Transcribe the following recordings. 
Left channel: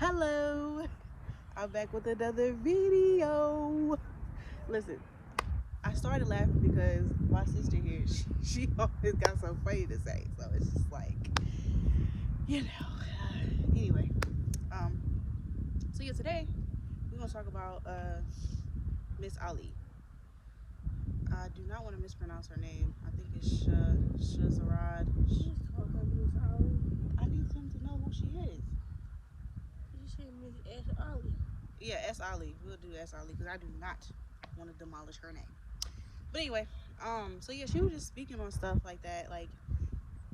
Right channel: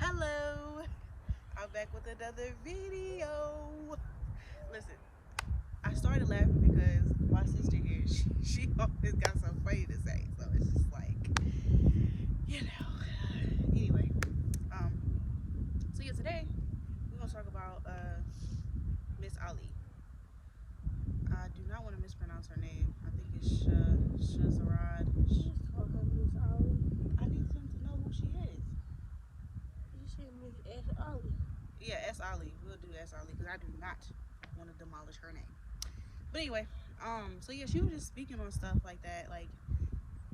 Hello, I'm back with another video. Listen, I started laughing because my sister here, she always got something funny to say, so it's just like, you know. Anyway, um, so yeah, today we're gonna talk about Miss Ali. I do not want to mispronounce her name. I think it's Shahrazad. I need them to know who she is. You said Miss S. Ali. Yeah, S. Ali. We'll do S. Ali because I do not want to demolish her name. But anyway, so yeah, she was just speaking on stuff like that. Like,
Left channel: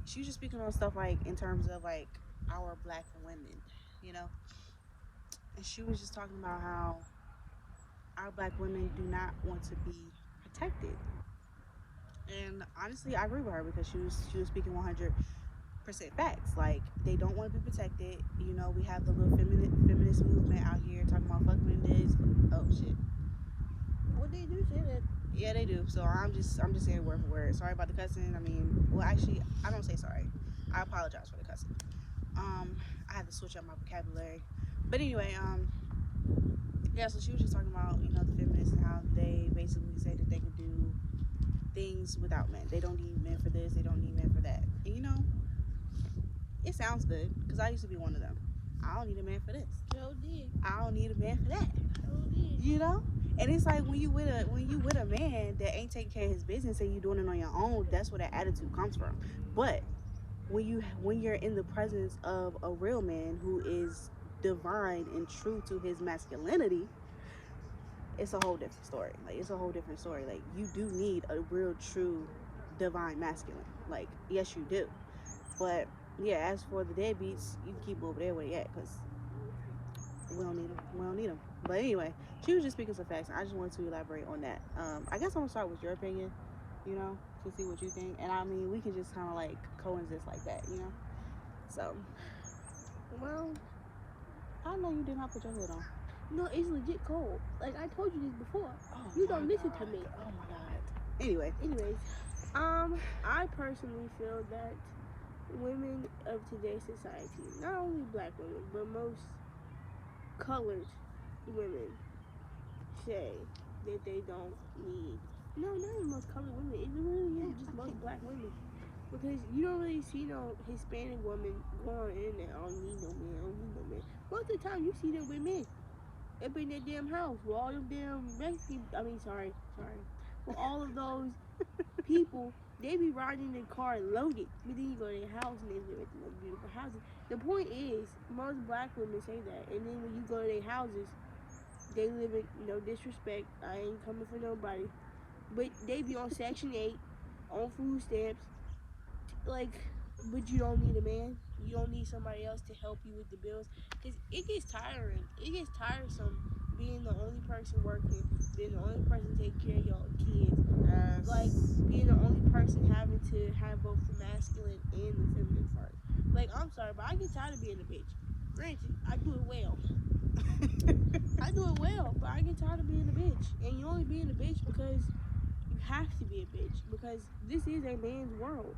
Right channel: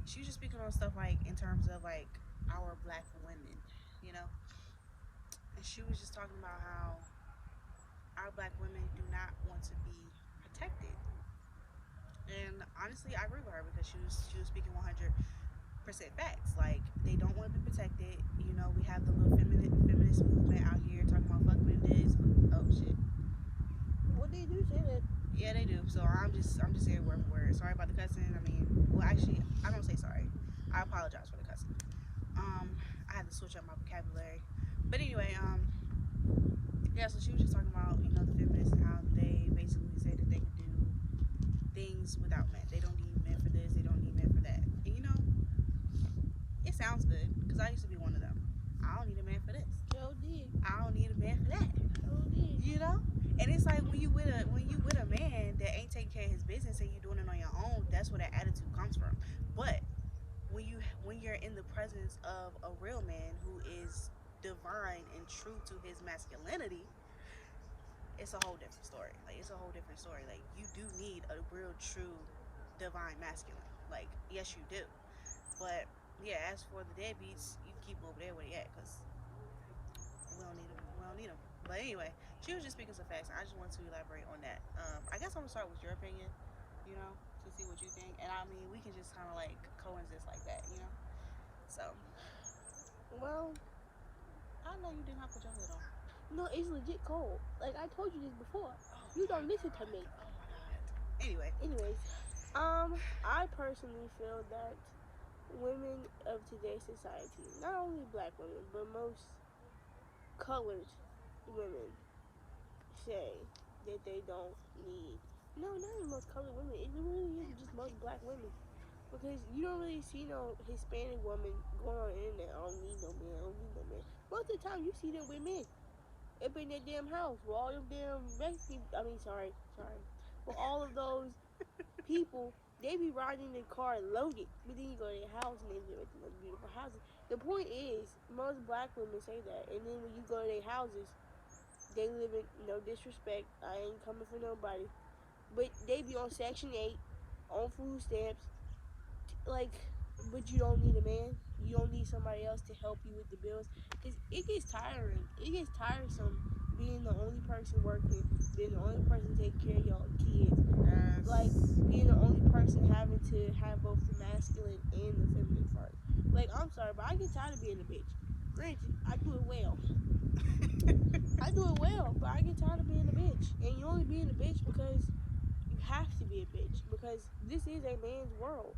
she was just speaking on stuff like in terms of like our black women, you know. And she was just talking about how our black women do not want to be protected. And honestly, I agree with her because she was speaking 100% facts. Like, they don't want to be protected. You know, we have the little feminist movement out here talking about fuck this. Oh shit. What they do say that? Yeah, they do. So I'm just saying word for word. Sorry about the cussing. I mean, well, actually, I don't say sorry. I apologize for the cussing. I had to switch up my vocabulary. But anyway, yeah. So she was just talking about the feminists and how they basically say that they can do things without men. They don't need men for this. They don't need men for that. And it sounds good because I used to be one of them. I don't need a man for this. No did. I don't need a man for that. No did. You know. And it's like when you with a man that ain't taking care of his business and you doing it on your own, that's where that attitude comes from. But when you're in the presence of a real man who is divine and true to his masculinity, it's a whole different story. Like, it's a whole different story. Like, you do need a real true divine masculine. Like, yes you do. But yeah, as for the deadbeats, you can keep them over there where they at because we don't need them. We don't need them. But anyway, she was just speaking some facts. I just wanted to elaborate on that. I guess I'm gonna start with your opinion, to see what you think. And I mean, we can just kind of like coexist like that. So, Well, I know you did not put your hood on. no, it's legit cold. Like I told you this before. Oh, You don't listen to me. Oh my God. Anyway, Anyways, I personally feel that women of today's society, not only black women, but most colored women, say that they don't need. No, not even most colored women. It really is just most black women. Because you don't really see no Hispanic woman going on the internet. I don't need no man. I don't need no man. Most of the time, you see them with men up in their damn house with all them damn Mexican. Sorry. For all of those people, they be riding in their car loaded. But then you go to their house and they live in those beautiful houses. The point is, most black women say that, and then when you go to their houses, they live in no disrespect. I ain't coming for nobody, but they be on Section 8, on food stamps. Like, but you don't need a man. You don't need somebody else to help you with the bills. Because it gets tiring. It gets tiresome being the only person working, being the only person taking care of your kids. Like, being the only person having to have both the masculine and the feminine part. Like, I'm sorry, but I get tired of being a bitch. Granted, I do it well. I do it well, but I get tired of being a bitch. And you only being a bitch because you have to be a bitch. Because this is a man's world.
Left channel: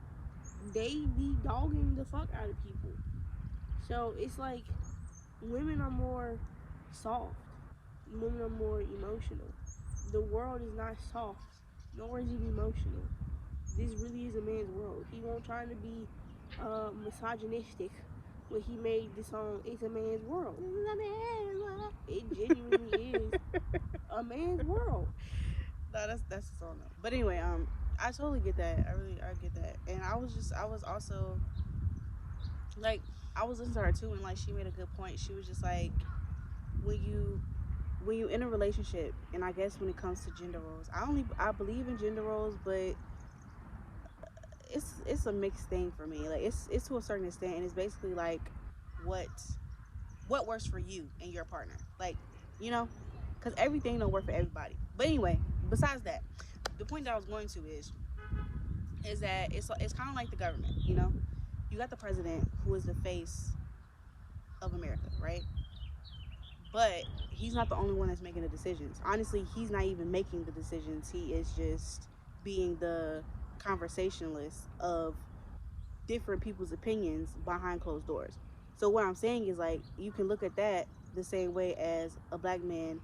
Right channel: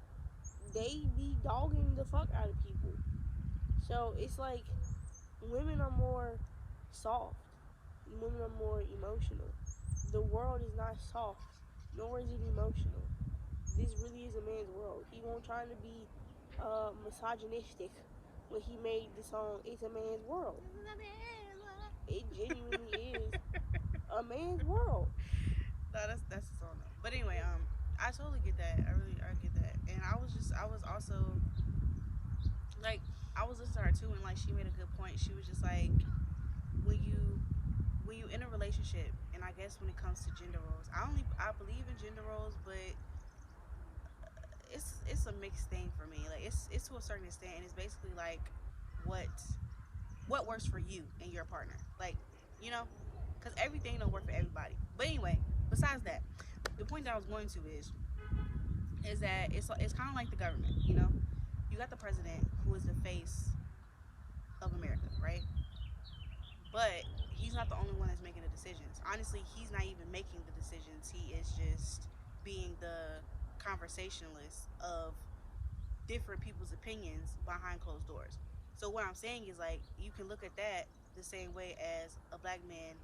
They be dogging the fuck out of people. So it's like women are more soft. Women are more emotional. The world is not soft, nor is it emotional. This really is a man's world. He won't try to be misogynistic when he made the song "It's a Man's World." It genuinely is a man's world. No, that's the song though. But anyway, I totally get that. I get that. And I was also like, I was listening to her too, and like she made a good point. She was just like, when you in a relationship, and I guess when it comes to gender roles, I believe in gender roles, but it's a mixed thing for me. Like, it's to a certain extent, and it's basically like what what works for you and your partner. Like, because everything don't work for everybody. But anyway, besides that, the point that I was going to is that it's kind of like the government. You got the president who is the face of America, right? But he's not the only one that's making the decisions. Honestly, he's not even making the decisions. He is just being the conversationalist of different people's opinions behind closed doors. So what I'm saying is like you can look at that the same way as a black man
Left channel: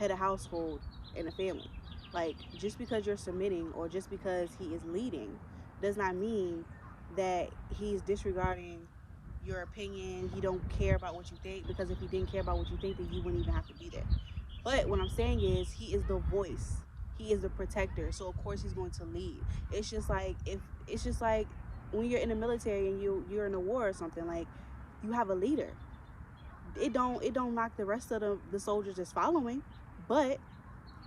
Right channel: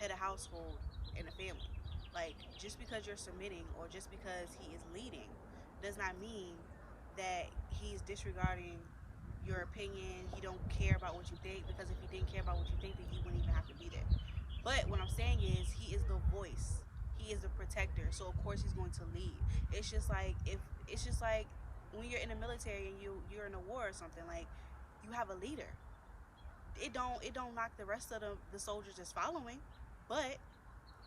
head a household and a family. Like just because you're submitting or just because he is leading does not mean that he's disregarding your opinion. He don't care about what you think, because if he didn't care about what you think, then you wouldn't even have to be there. But what I'm saying is he is the voice. He is the protector. So of course he's going to lead. It's just like if it's just like when you're in the military and you're in a war or something, like you have a leader. It don't knock the rest of the soldiers that's following, but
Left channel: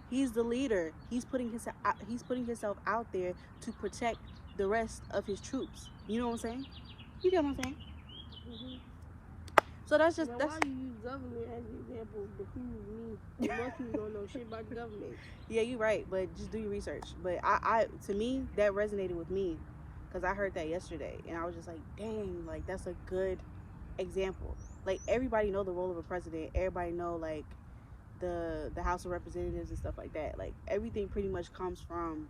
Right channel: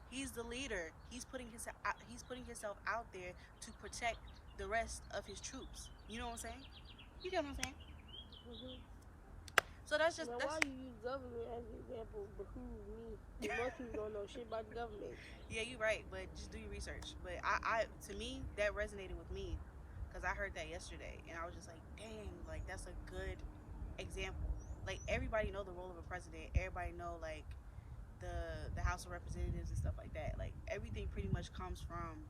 he's the leader. He's putting himself out there to protect the rest of his troops. You know what I'm saying? You get what I'm saying? Mm-hmm. So that's just Now, that's why you use government as an example behooves me? Most people don't know shit about the government. yeah, you're right, but just do your research. But I to me that resonated with me because I heard that yesterday and I was just like, dang, like that's a good example. Like everybody know the role of a president. Everybody know like the House of Representatives and stuff like that. Like everything pretty much comes from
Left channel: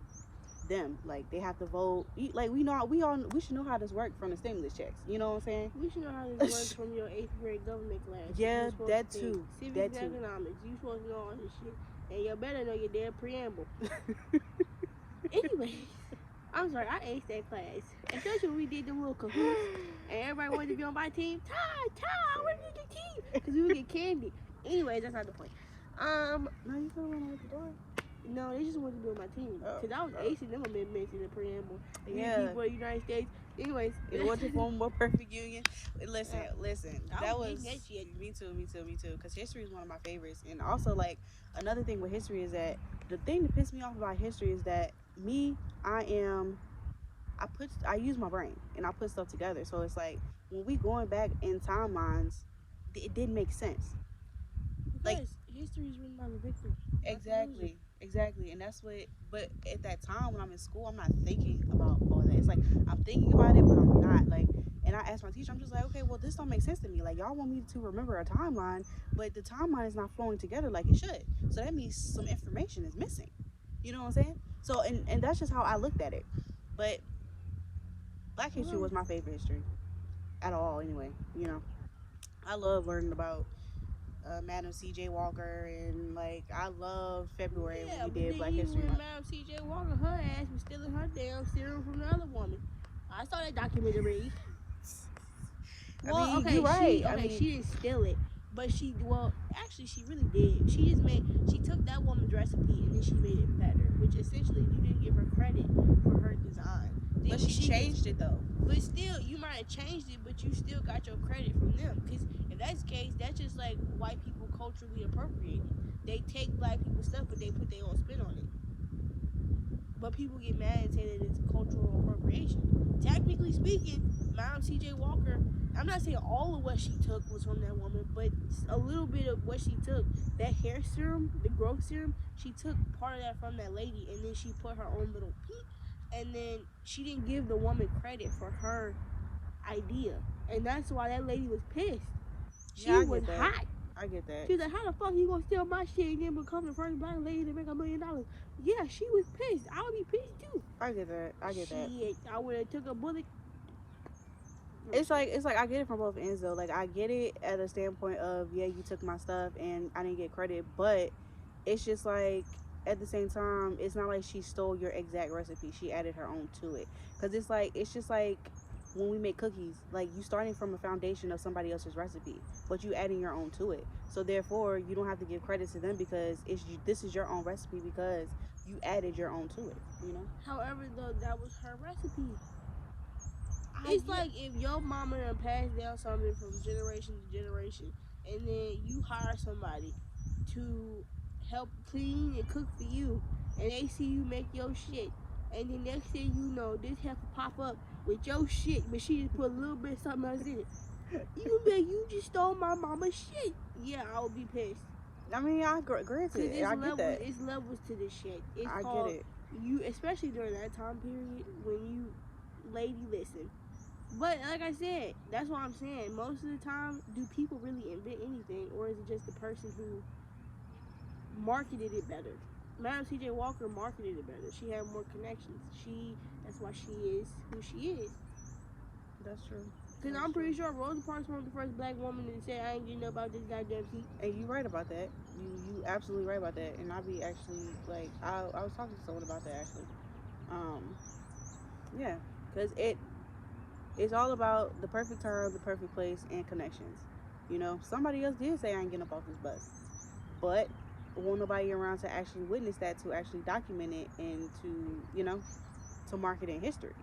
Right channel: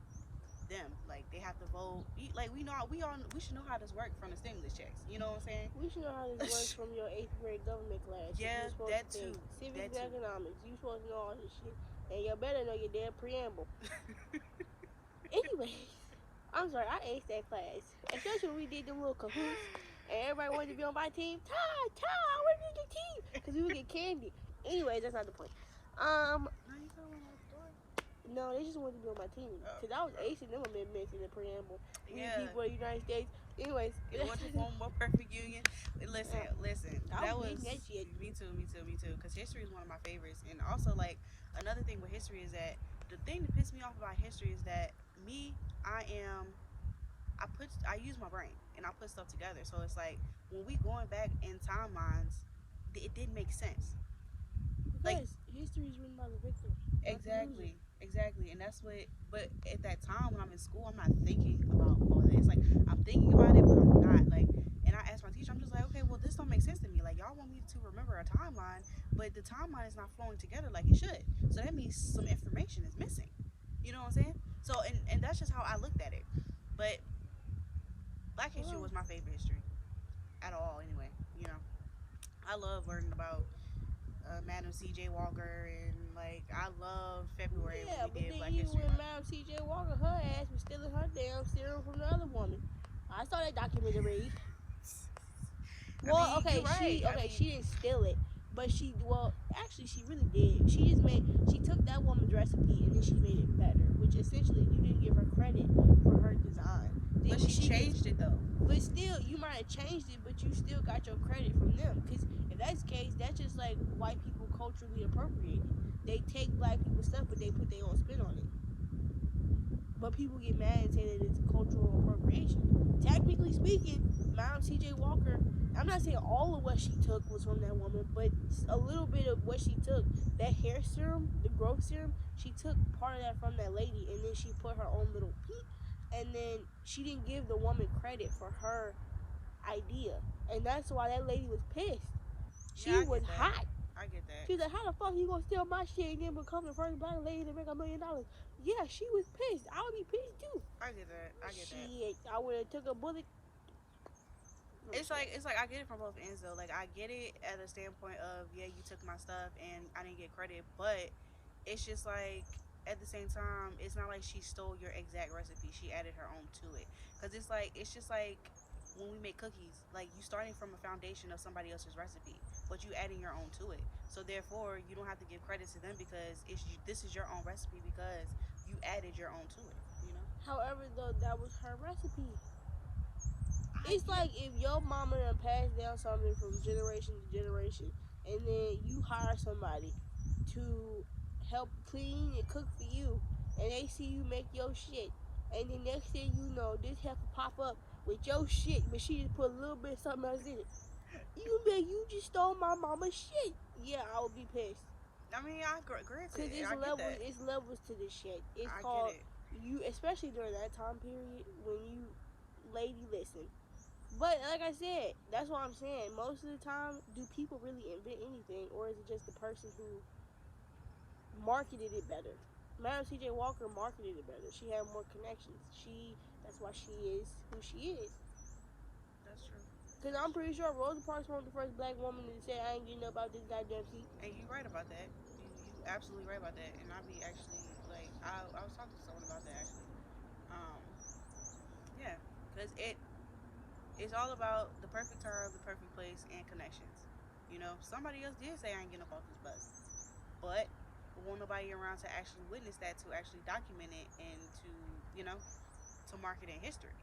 them. Like they have to vote. Like we should know how this works from the stimulus checks. You know what I'm saying? We should know how this works from your 8th grade government class. Yeah, You're supposed that to too. take That civics too. and economics. You supposed to know all this shit. And you better know your damn preamble. Anyway, I'm sorry, I aced that class. Especially when we did the little cahoots and everybody wanted to be on my team. Ty, I want to be the team. Because we would get candy. Anyways, that's not the point. No, you could run out the door. No, they just wanted to be on my team. Because I was acing them amendments in the preamble. We the Yeah. people of the United States. Anyways. In order to form a more perfect union. Listen. I That was was that shit. me too. Because history is one of my favorites, and also like another thing with history is that the thing that pissed me off about history is that me, I use my brain and I put stuff together. So it's like when we going back in timelines, it didn't make sense. Because Like history is written by the victim. Exactly, and that's what. But at that time when I'm in school, I'm not thinking about all that. It's like I'm thinking about it, but I'm not like. And I asked my teacher, I'm just like, okay, well, this don't make sense to me. Like y'all want me to remember a timeline, but the timeline is not flowing together like it should. So that means some information is missing. You know what I'm saying? So and that's just how I looked at it. But Black history was my favorite history at all. Anyway, I love learning about Madam C.J. Walker, and like I love February when we did Black History Month. Madam C.J. Walker, her ass was stealing her damn serum from the other woman. I saw that documentary. Well, you're right. She didn't steal it, but she really did. She took that woman's recipe and then she made it better, which essentially you didn't give her credit for her design. But she changed it though. But still, you might have changed it, but you still got your credit from them. Because if that's the case, that's just like white people culturally appropriating. They take black people's stuff, but they put their own spin on it. But people get mad and say that it's cultural appropriation. Technically speaking, Madam C.J. Walker, I'm not saying all of what she took was from that woman, but a little bit of what she took, that hair serum, the growth serum, she took part of that from that lady, and then she put her own little peak, and then she didn't give the woman credit for her idea, and that's why that lady was pissed. She was hot. I get that. She's like, how the fuck you gonna steal my shit and then become the first black lady to make $1 million? Yeah, she was pissed. I would be pissed too. I get that. I would have took a bullet. It's like I get it from both ends though. Like I get it at a standpoint of yeah, you took my stuff and I didn't get credit, but it's just like at the same time, it's not like she stole your exact recipe. She added her own to it. Cause it's just like when we make cookies, like you starting from a foundation of somebody else's recipe, but you adding your own to it. So therefore, you don't have to give credit to them because this is your own recipe because you added your own to it. However, though, that was her recipe. It's like if your mama done passed down something from generation to generation, and then you hire somebody to help clean and cook for you, and they see you make your shit, and the next thing you know, this heifer pop up with your shit, but she just put a little bit of something else in it. You be like, you just stole my mama's shit. Yeah, I would be pissed. I mean, I agree with it. I get that. It's levels to this shit. I get it. You, especially during that time period when you, lady, listen. But like I said, that's what I'm saying. Most of the time, do people really invent anything, or is it just the person who marketed it better? Madam C.J. Walker marketed it better. She had more connections. That's why she is who she is. That's true. Because I'm pretty sure Rosa Parks was the first black woman to say, I ain't getting up out this goddamn seat. And you right about that. You absolutely right about that. And I be actually like I was talking to someone about that actually. Um, yeah, because it's all about the perfect time, the perfect place, and connections. You know, somebody else did say I ain't getting up off this bus, but won't nobody around to actually witness that, to actually document it, and to to mark it in history.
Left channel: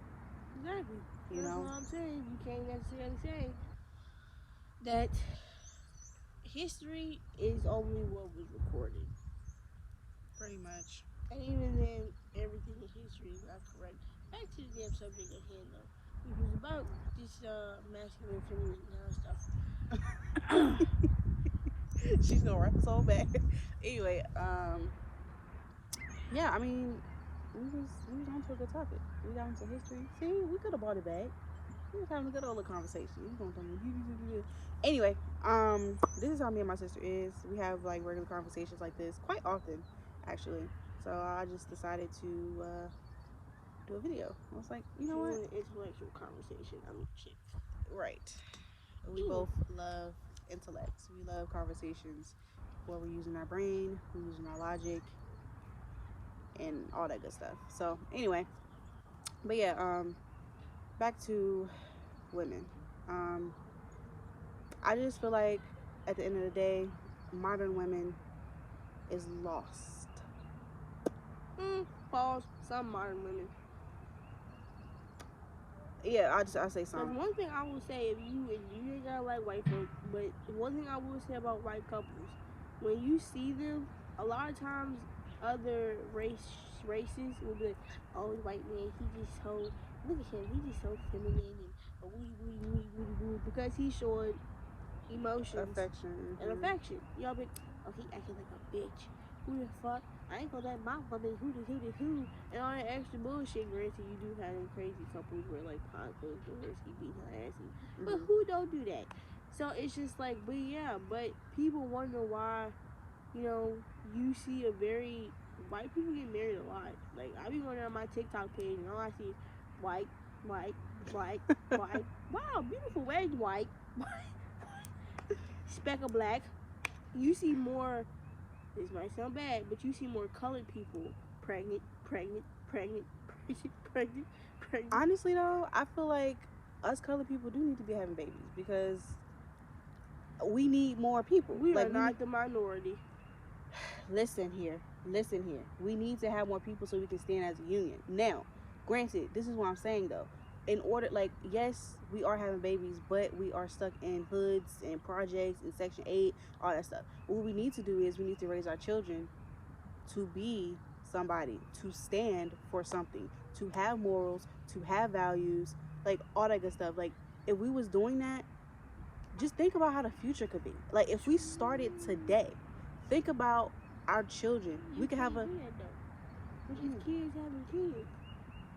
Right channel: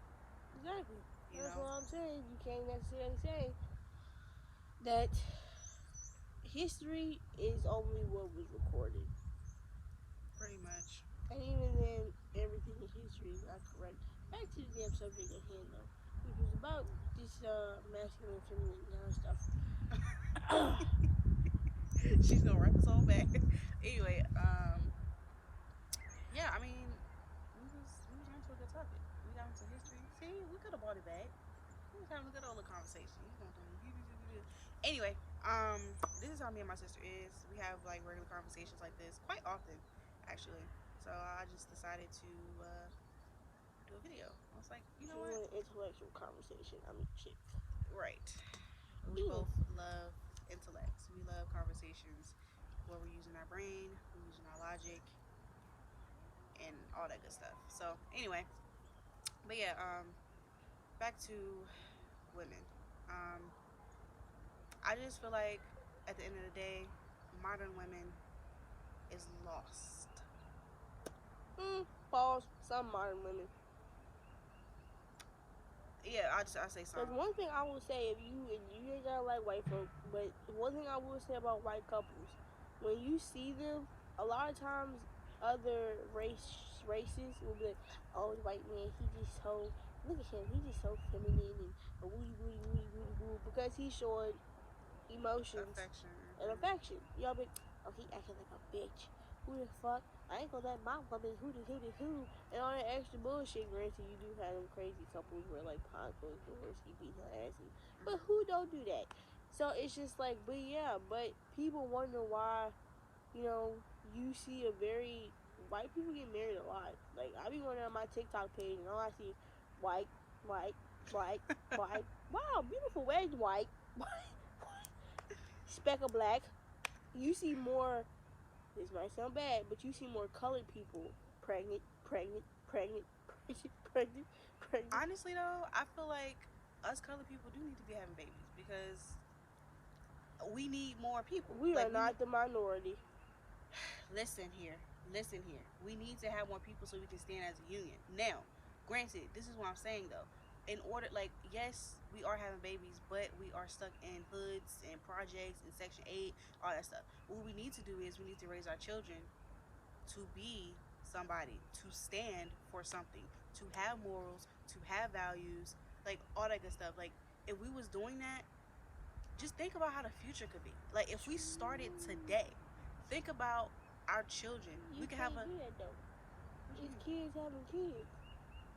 Exactly. You That's know, what I'm saying. You can't necessarily say that history is only what was recorded. pretty much. And even then, everything in history is not correct. Back to the damn subject at hand, though, which was about this masculine, feminine kind of stuff. She's gonna wrap us all back. Anyway, yeah, I mean, we was onto a good topic. We got into history. See, we could have brought it back. We was having a good old conversation. You gonna tell me? Anyway, this is how me and my sister is. We have like regular conversations like this quite often, actually. So I just decided to do a video. I was like, you know what? An intellectual conversation. I'm shit. Right. We both love intellects. We love conversations where we're using our brain, we're using our logic, and all that good stuff. So anyway, but yeah, back to women. Um, I just feel like at the end of the day, modern women is lost. Pause. Some modern women. Yeah, I say some. One thing I will say, if you ain't gotta like white folk, but one thing I will say about white couples, when you see them, a lot of times other races will be like, oh, white man, he just so, look at him, he just so feminine and woo, because he showed emotions, Affection. and affection. Y'all be, oh, he acting like a bitch. Who the fuck? I ain't gonna let my woman who, and all that extra bullshit. Granted, you do have them crazy couples where like behind closed doors he beat her ass, but who don't do that? So it's just like, but yeah, but people wonder why, you see a very white people get married a lot. Like I be wondering on my TikTok page, and all I see is white, white, white, white. Wow, beautiful wedge white, speck of black. You see more. This might sound bad, but you see more colored people pregnant. Honestly, though, I feel like us colored people do need to be having babies because we need more people. We like, are not the minority. Listen here. We need to have more people so we can stand as a union. Now, granted, this is what I'm saying though. In order, like, yes, we are having babies, but we are stuck in hoods and projects and Section 8, all that stuff. What we need to do is we need to raise our children to be somebody, to stand for something, to have morals, to have values, like all that good stuff. Like, if we was doing that, just think about how the future could be. Like, if we started today, think about our children. We could have a. What you mean? Kids having kids.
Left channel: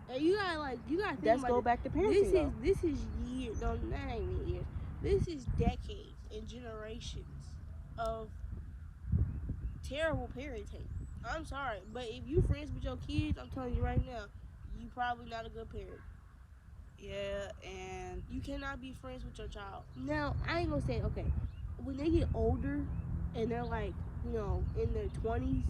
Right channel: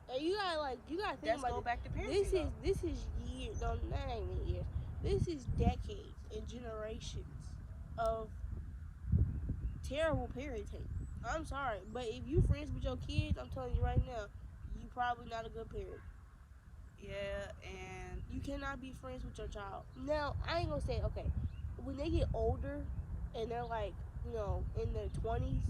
And you gotta think Let's about go it. back to parenting. This is years. No, that ain't even years. This is decades and generations of terrible parenting. I'm sorry, but if you friends with your kids, I'm telling you right now, you probably not a good parent. Yeah, and you cannot be friends with your child. Now, I ain't gonna say, okay, when they get older and they're like, in their 20s,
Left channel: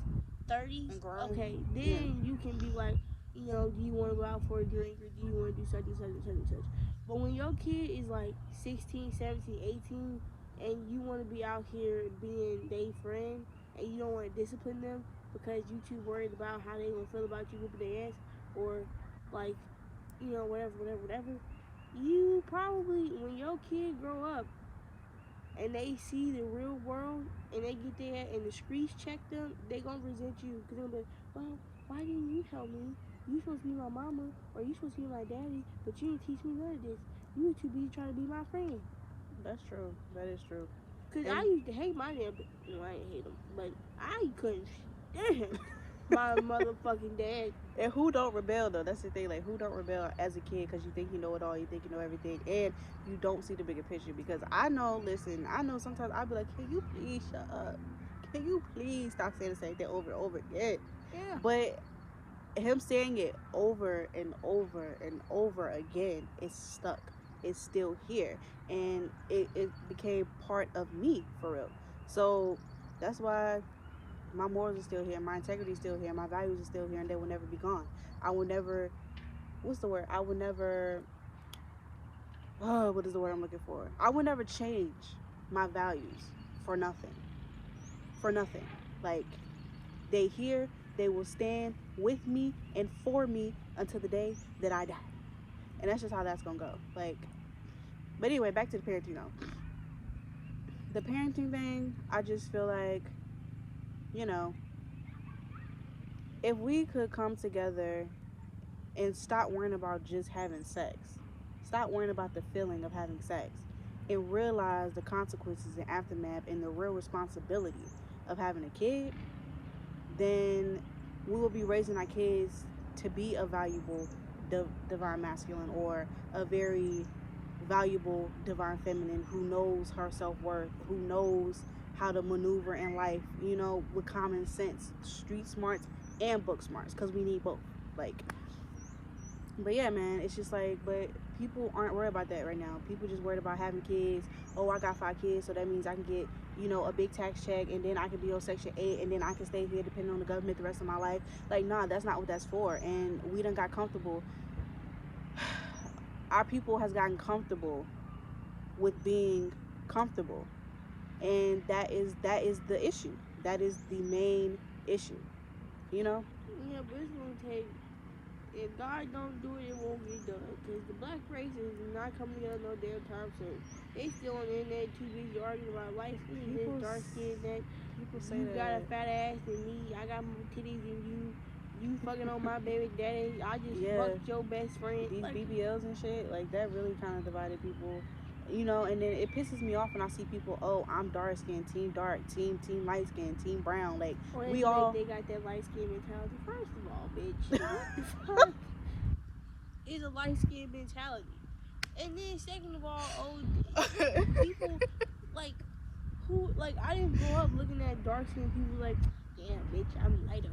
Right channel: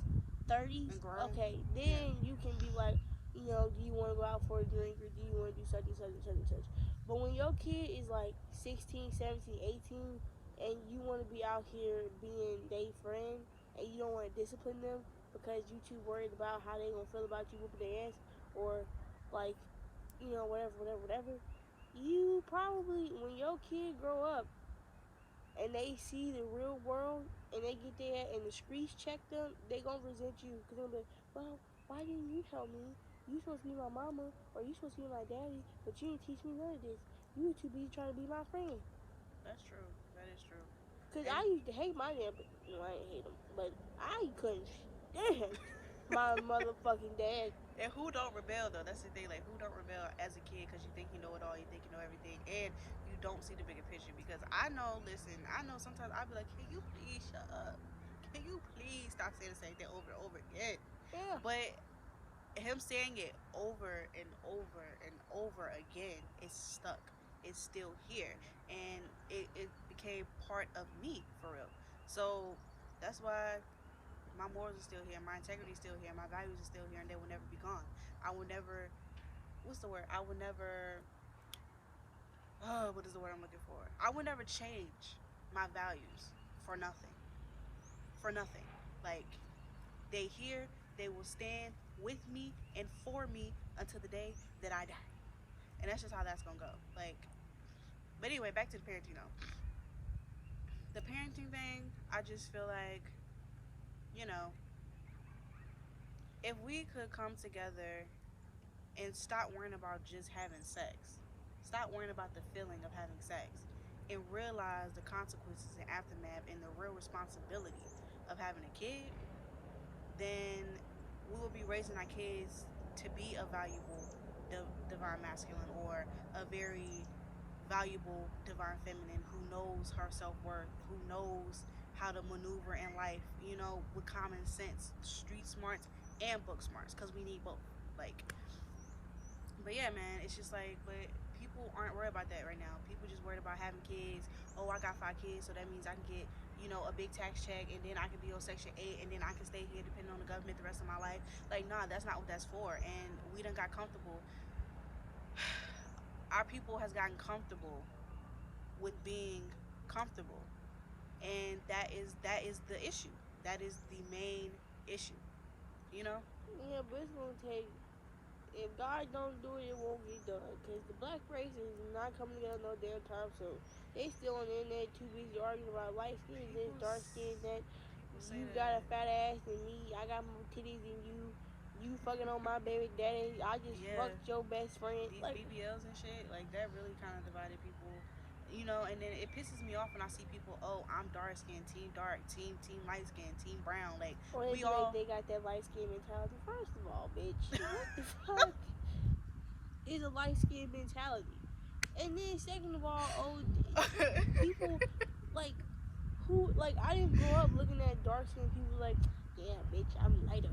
30s, okay, then you can be like, do you want to go out for a drink or do you want to do such and such and such and such. But when your kid is like 16, 17, 18, and you want to be out here being their friend and you don't want to discipline them because you too worried about how they gonna feel about you whooping their ass, or like, whatever, you probably, when your kid grow up and they see the real world and they get there and the streets check them, they gonna resent you because they're gonna be, well, why didn't you tell me? You supposed to be my mama or you supposed to be my daddy, but you didn't teach me none of this. You were too busy trying to be my friend. That's true. That is true. Because I used to hate my dad, but I didn't hate him, but I couldn't stand my motherfucking dad. And who don't rebel though? That's the thing. Like, who don't rebel as a kid because you think you know it all, you think you know everything, and you don't see the bigger picture. Because I know sometimes I'll be like, can you please shut up? Can you please stop saying the same thing over and over again? Yeah. But him saying it over and over and over again is stuck. is still here, and it became part of me for real. So that's why my morals are still here, my integrity is still here, my values are still here, and they will never be gone. I will never, what's the word? I will never, what is the word I'm looking for? I will never change my values for nothing. For nothing. Like, they here, they will stand with me and for me until the day that I die. And that's just how that's gonna go. Like, but anyway, back to the parenting though. The parenting thing, I just feel like, you know, if we could come together and stop worrying about just having sex, stop worrying about the feeling of having sex, and realize the consequences and aftermath and the real responsibility of having a kid, then we will be raising our kids to be a valuable divine masculine, or a very valuable divine feminine who knows her self-worth, who knows how to maneuver in life, with common sense, street smarts and book smarts, because we need both. Like, but yeah, man, it's just like, but people aren't worried about that right now. People just worried about having kids. Oh, I got 5 kids, so that means I can get, a big tax check, and then I can be on Section 8, and then I can stay here depending on the government the rest of my life. Like, nah, that's not what that's for. And we done got comfortable. Our people has gotten comfortable with being comfortable, and that is the issue. That is the main issue. Yeah, but it's gonna take. If God don't do it, it won't get done. Because the black race is not coming down no damn time soon. They still on the internet too busy arguing about light skin, this, dark skin, that. People say you that got a fat ass than me. I got more titties than you. You fucking on my baby daddy. I just fucked your best friend. These BBLs and shit, like, that really kind of divided people. And then it pisses me off when I see people, oh, I'm dark skin, team dark, team light skin, team brown. Like, they got that light skin mentality. First of all, bitch, what the fuck is a light skin mentality? And then second of all, people like who, like, I didn't grow up looking at dark skin people like, damn, bitch, I'm lighter.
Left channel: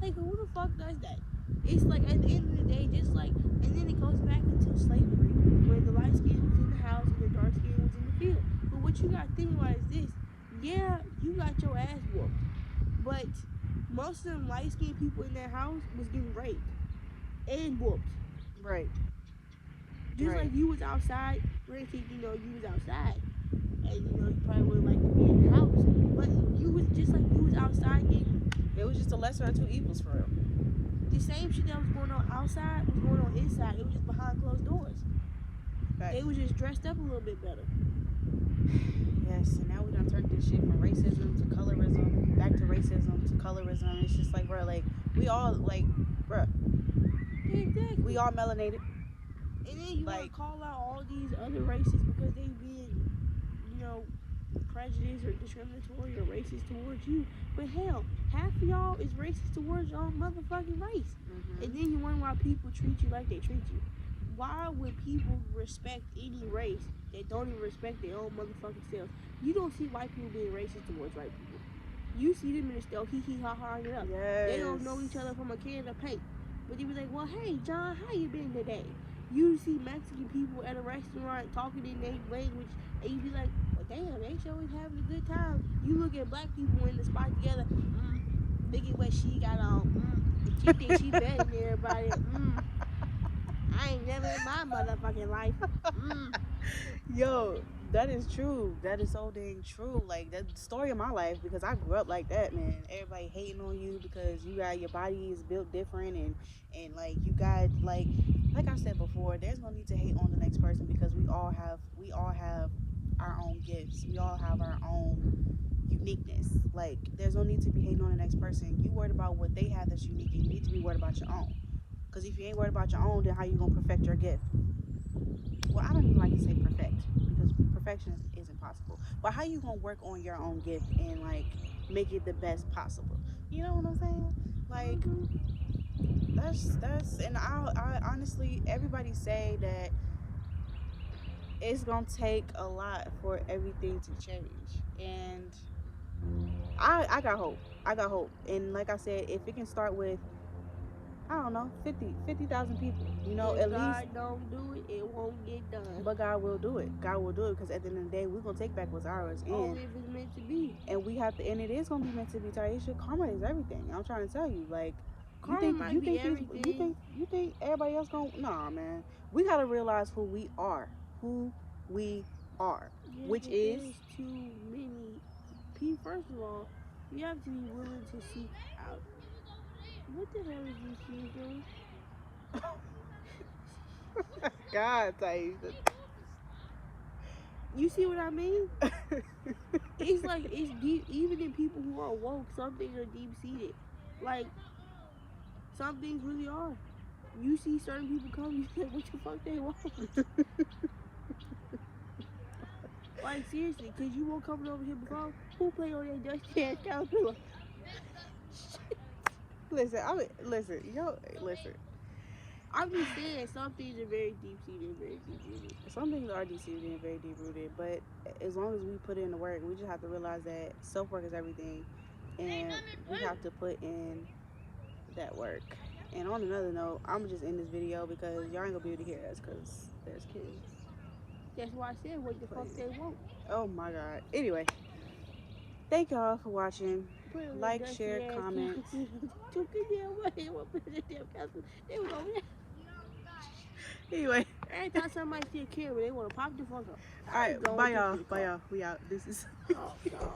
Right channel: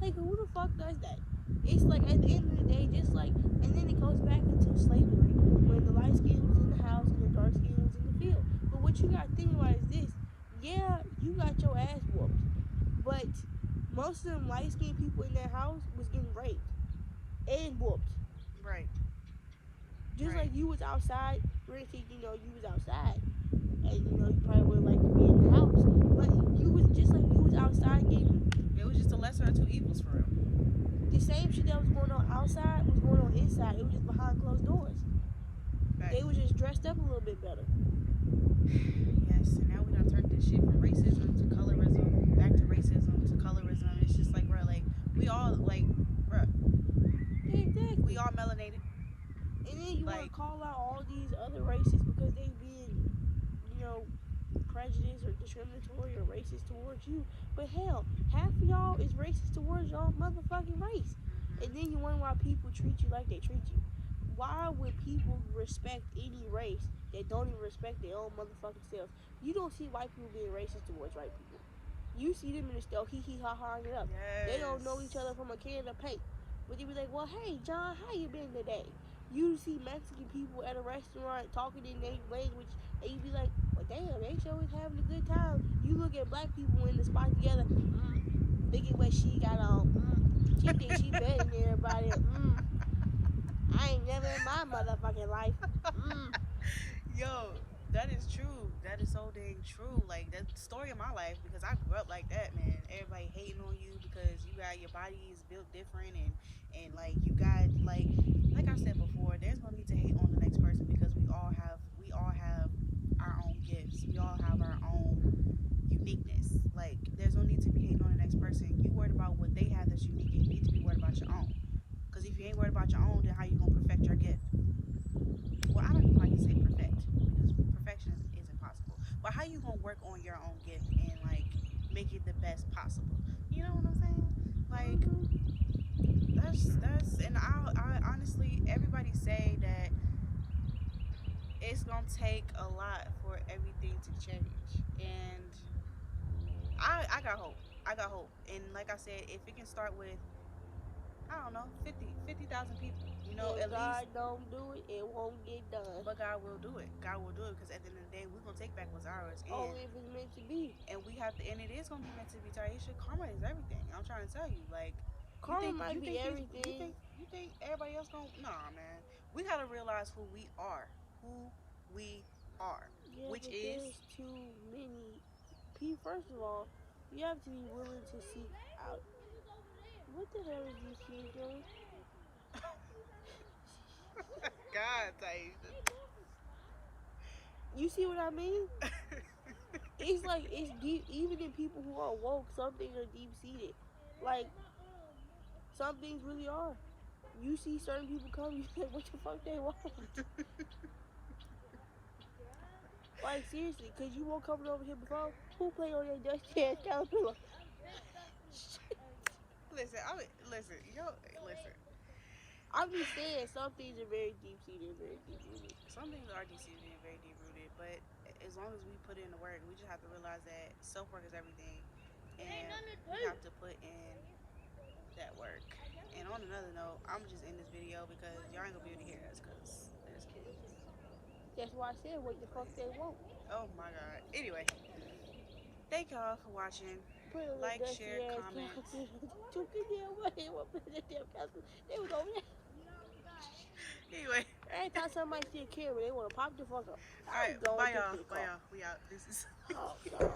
Like, who the fuck does that? It's like, at the end of the day, just like, and then it goes back into slavery, where the light skin was in the house and the dark skin was in the field. But what you gotta think about is this: yeah, you got your ass whooped, but most of them light skinned people in that house was getting raped and whooped. Right. Just like you was outside, granted, you was outside, and you probably would like to be in the house, but you was just like you was outside getting. It was just a lesser of two evils for real. The same shit that was going on outside was going on inside. It was just behind closed doors. Right. They was just dressed up a little bit better. Yes, and now we done turned this shit from racism to colorism, back to racism to colorism. It's just like, bro, like, we all, like, bro. Exactly. We all melanated. And then you want to call out all these other races because they being, prejudiced or discriminatory or racist towards you. But hell, half of y'all is racist towards your own motherfucking race. Mm-hmm. And then you wonder why people treat you like they treat you. Why would people respect any race that don't even respect their own motherfucking selves? You don't see white people being racist towards white people. You see them in the store, hee hee ha ha it up. Yes. They don't know each other from a can of paint. But they be like, well, hey, John, how you been today? You see Mexican people at a restaurant talking in their language, and you be like, well, damn, they sure is having a good time. You look at black people in the spot together, look at what she got on, she thinks she better than everybody, I ain't never in my motherfucking life, Yo, that is true. That is so dang true. Like, that's the story of my life, because I grew up like that, man. Everybody hating on you because you got, your body is built different, and like, you got, like I said before, there's no need to hate on the next person, because we all have our own gifts. We all have our own uniqueness. Like, there's no need to be hating on the next person. You worried about what they have that's unique, and you need to be worried about your own. Because if you ain't worried about your own, then how you gonna perfect your gift? Well, I don't even like to say perfect, because perfection isn't possible. But how you gonna work on your own gift and, like, make it the best possible? You know what I'm saying? Like, that's and I honestly, everybody say that it's gonna take a lot for everything to change, and I got hope. And like I said, if it can start with I don't know, 50,000 people. You know, If at God least. don't do it, it won't get done. But God will do it. God will do it because at the end of the day, we're gonna take back what's ours, Only if it's meant to be. and we have to, and it is gonna be meant to be. Taisha, karma is everything. I'm trying to tell you, like, Karma might be everything. you think everybody else gonna? Nah, man. We gotta realize who we are, Yeah, which but is there's too many people. First of all, you have to be willing to seek out. What the hell is these kids doing? God, Taisha. You see what I mean? It's like it's deep. Even in people who are woke, some things are deep seated. Like some things really are. You see certain people come, you say, "What the fuck they want?" Like seriously, cause you won't come over here before. Who play on your dusty ass caterpillar? Listen, listen. I'm just saying, some things are very deep seated, very deep rooted. Some things are deep seated and very deep rooted, but as long as we put in the work, we just have to realize that self work is everything, and we have to put in that work. And on another note, I'm just in this video because y'all ain't gonna be able to hear us because there's kids. That's why I said, what the fuck they want? Oh my god. Anyway, thank y'all for watching. Like, share, comment. Anyway. Every time somebody see a camera, they want to pop the fuck up. Alright, bye y'all. Bye y'all. We out. This is. Oh, God.